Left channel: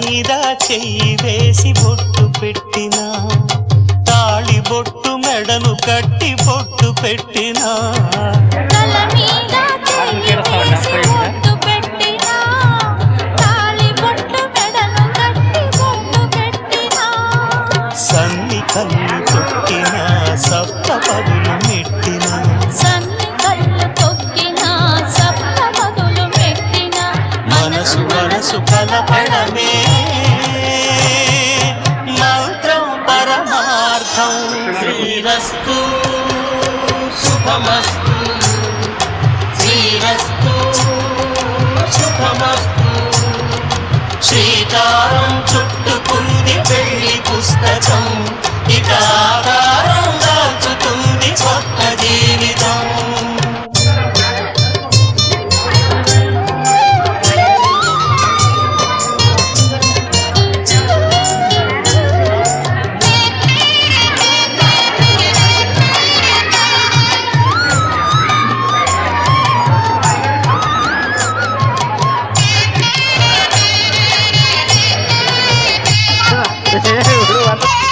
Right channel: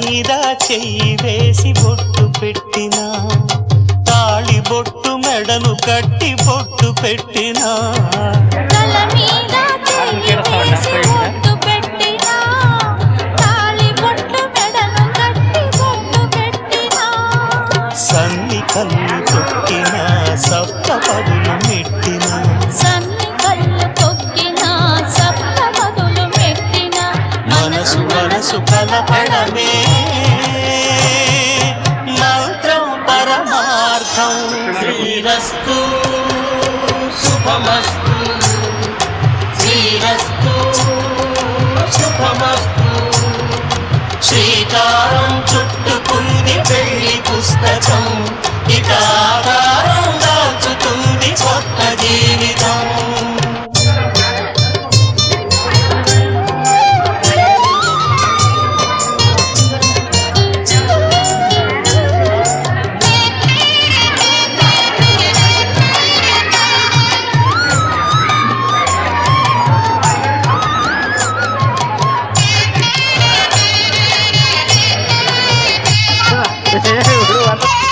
మీద చెయ్యి వేసి బొట్టు పెట్టినా, తాళి బొట్టు మెడను కట్టి బొట్టు పెట్టినా, సన్ని కన్ను కొట్టిన సప్త పదులు నెట్టిన, మనసు మనసు కలపడమే మంత్రం పరమార్థం. శ్రీరస్తు శుభమస్తు, శ్రీరస్తు శుభమస్తు. శ్రీకారం చుట్టుకుంది పెళ్లి పుస్తకం, ఇక ఆధారం దాచుతుంది కొత్త జీవితం. Udah